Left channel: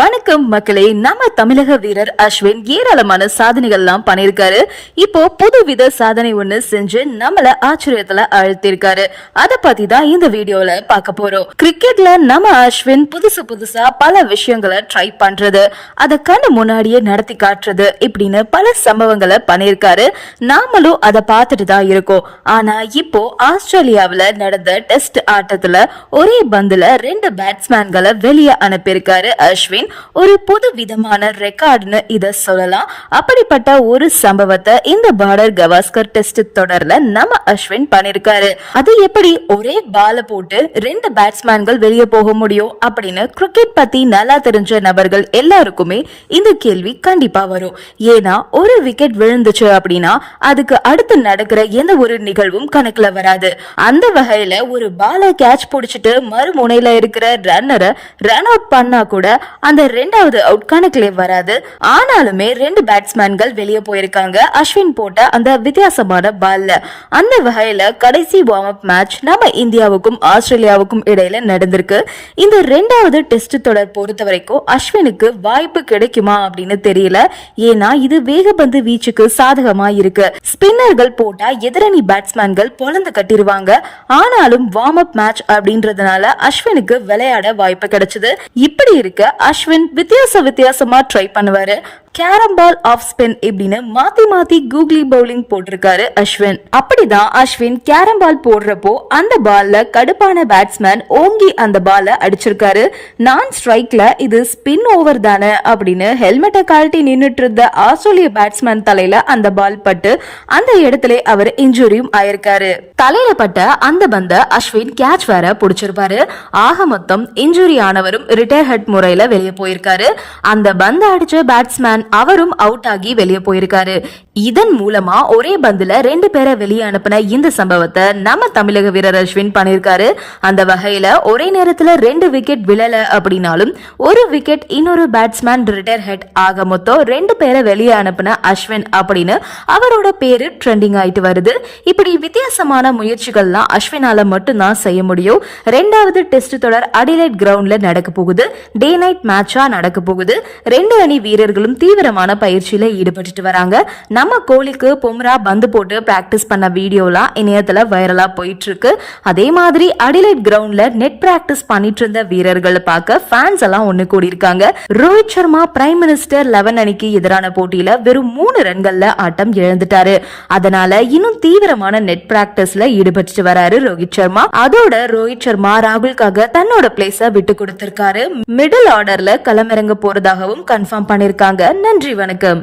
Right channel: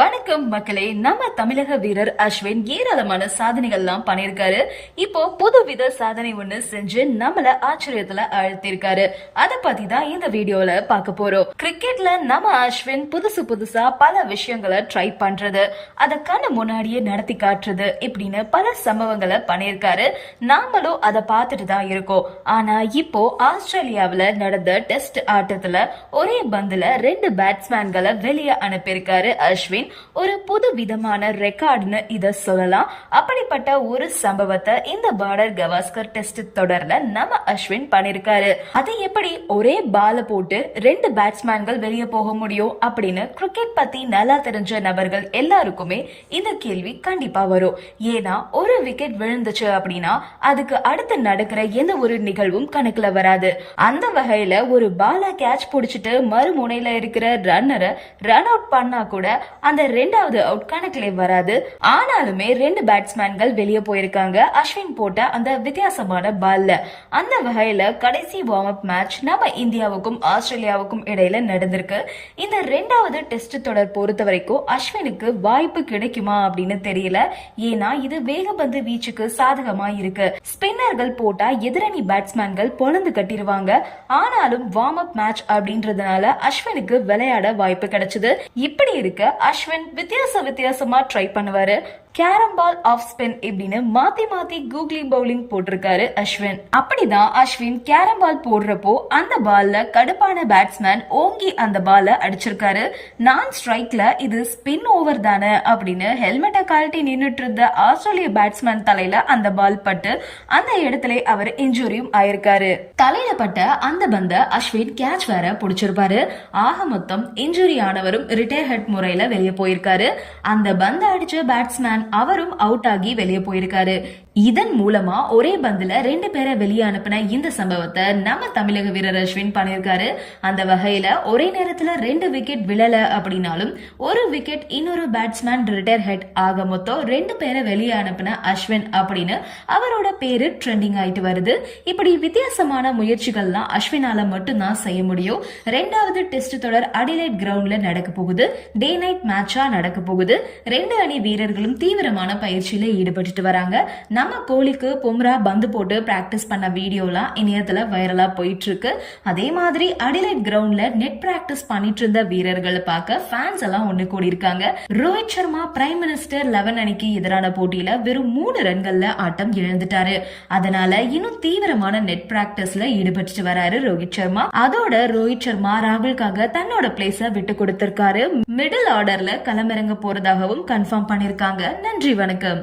வணக்கம் மக்களே நம்ம தமிழக வீரர் அஸ்வின் ஏராளமான சாதனைகள்லாம் பண்ணியிருக்காரு. இப்போ புதுவித சாதனை ஒண்ணு செஞ்சு நம்மள ஆச்சரியத்துல அழுத்திருக்காரு அத பத்தி தான் இந்த வீடியோல பார்க்க போறோம். கிரிக்கெட்ல நம்ம அஸ்வின் புதுசு புதுசா பல விஷயங்களை ட்ரை பண்றது. அத கண்ணு முன்னாடியே நடத்தி காட்டுறது இப்படின்னு பல சம்பவங்களை பண்ணியிருக்காரு. நாமளும் அதை பார்த்துட்டு தான் இருக்கோம். ஆனா இப்போ ஆஸ்திரேலியாவில நடந்த டெஸ்ட் ஆட்டத்துல ஒரே பந்துல ரெண்டு பேட்ஸ்மேன்களை வெளியே அனுப்பியிருக்காரு அஸ்வின். ஒரு புது விதமான ரெக்கார்ட்னு இத சொல்லலாம். அப்படிப்பட்ட ஒரு சம்பவத்தை இந்த பார்டர் கவாஸ்கர் டெஸ்ட் தொடர்ல நம்ம அஸ்வின் பண்ணிருக்காரு. அது எப்படி ஒரே பால போட்டு ரெண்டு பேட்ஸ்மேன்கள் வெளியே போக முடியும் அப்படின்னு கிரிக்கெட் பத்தி நல்லா தெரிஞ்ச நபர்கள் எல்லாருக்குமே இந்த கேள்வி கண்டிப்பா வரும். ஏன்னா ஒரு விக்கெட் விழுந்துச்சு அப்படின்னா அதுக்கு அடுத்து நடக்கிற எந்த ஒரு நிகழ்வும் கணக்குல வராது. அந்த வகையில ஒரு பாலை கேட்ச் பிடிச்சிட்டு மறுமுனையில இருக்கிற ரன்னரை ரன் அவுட் பண்ணா கூட அந்த ரெண்டாவது அவுட் கணக்கிலே வராது. ஆனாலுமே ரெண்டு பேட்ஸ்மேன்கள் வெளியே போயிருக்காங்க. அஸ்வின் போட்ட அந்த வித்தியாசமான பால்ல அந்த வகையில கடைசி வார்ம் அப் மேட்ச் நம்ம இந்தியாவுக்கும் ஆஸ்திரேலியாவுக்கும் இடையில நடந்திருக்கு. இந்த ரெண்டாவது டெஸ்ட் தொடர் பொறுத்த வரைக்கும் அஸ்வினுக்கு வாய்ப்பு கிடைக்குமா அப்படின்னு தெரியல. ஏன்னா இது வேகப்பந்து வீச்சுக்கு சாதகமா இருக்கு. ஸ்பின்னர்கள் போட்டா எதிரணி பேட்ஸ்மேன்கள் பொலந்து கட்டிருவாங்க. ஆனாலும் வார்ம் அப் மேட்ச் அப்படின்றதுனால அஸ்வினுக்கு விளையாட வாய்ப்பு கிடைச்சது. இப்படி இருக்க அஸ்வின் வித்தியாச வித்தியாசமா ட்ரை பண்ணுவாரு. கேரம் பால் ஆஃப் ஸ்பின் இப்படின்னு மாத்தி மாத்தி கூகுளி பவுலிங் போட்டிருக்காரு அஸ்வின். அப்படிதான் அஸ்வின் கேரம் பால் போடுறப்போ அந்த பால்ல கடுப்பான பேட்ஸ்மேன் ஓங்கி அந்த பால அடிச்சிருக்காரு. நான் ஸ்ட்ரைக்ல இது ஸ்பின் ஓவர் தானே அப்படின்னு ஹெல்மெட்டை கழட்டி நின்றுட்டு இருந்த ஆஸ்திரேலிய பேட்ஸ்மேன் தலையில அந்த பால் பட்டு அந்த இடத்துல அவர் இன்ஜுரியும் ஆயிருக்காரு. தலையில பட்ட அந்த பந்த அஸ்வின் கேட்ச் வேற புடிச்சிருப்பாரு. ஆக மொத்தம் இன்ஜுரி ஆனவரும் ரிட்டையர் ஹெட் முறையில வெளியே போயிருக்காரு. அந்த பந்த அடிச்ச பேட்ஸ்மேன் அவரும் அவுட் ஆகி வெளியே போயிருக்காரு. இதன் மூலமா ஒரே பந்துல ரெண்டு பேரை வெளியே அனுப்பின இந்த சம்பவத்தை நம்ம தமிழக வீரர் அஸ்வின் பண்ணிருக்காரு அந்த வகையில ஒரே நேரத்துல ரெண்டு விக்கெட் விழல அப்படின்னாலும் ஒரு விக்கெட் இன்னொரு பேட்ஸ்மேன் ரிட்டையர் ஹெட் ஆக மொத்தம் ரெண்டு பேரை வெளியே அனுப்பின அஸ்வின் அப்படின்னு அவரோட பேரு ட்ரெண்டிங் ஆயிட்டு வருது. இப்படி வித்தியாசமான முயற்சிகள்லாம் அஸ்வினால மட்டும்தான் செய்ய முடியும். ரெண்டாவது டெஸ்ட் தொடர் அடிலைட் கிரவுண்ட்ல நடக்க போகுது. டே நைட் மேட்சா நடக்க போகுது. ரெண்டு அணி வீரர்களும் தீவிரமான பயிற்சியில ஈடுபட்டுட்டு வராங்க. நம்ம கோழிக்கு பொம்ரா பந்து போட்டு பிராக்டிஸ் பண்ண வீடியோலாம் இணையத்துல வைரலா போயிட்டு இருக்கு அதே மாதிரி அடிலைட் கிரவுண்ட்ல நெட் பிராக்டிஸ் பண்ணிட்டு இருந்த வீரர்களை பார்க்க ஃபேன்ஸ் எல்லாம் ஒண்ணு கூடி இருக்காங்க Rohit Sharma prime minister eleven அணிக்கு எதிரான போட்டியில வெறும் மூணு ரன்கள்ல ஆட்டம் இழந்துட்டாரு. அதனால இன்னும் தீவிரமான நெட் பிராக்டிஸ்ல ஈடுபட்டு வராரு ரோஹித் சர்மா. அதோட ரோஹித் சர்மா ராகுல்காக தன்னோட பிளேஸ விட்டு கொடுத்திருக்காரு. மிடில் ஆர்டர்ல களமிறங்க போறதாகவும் கன்ஃபார்ம் பண்ணிருக்காங்க நன்றி வணக்கம்.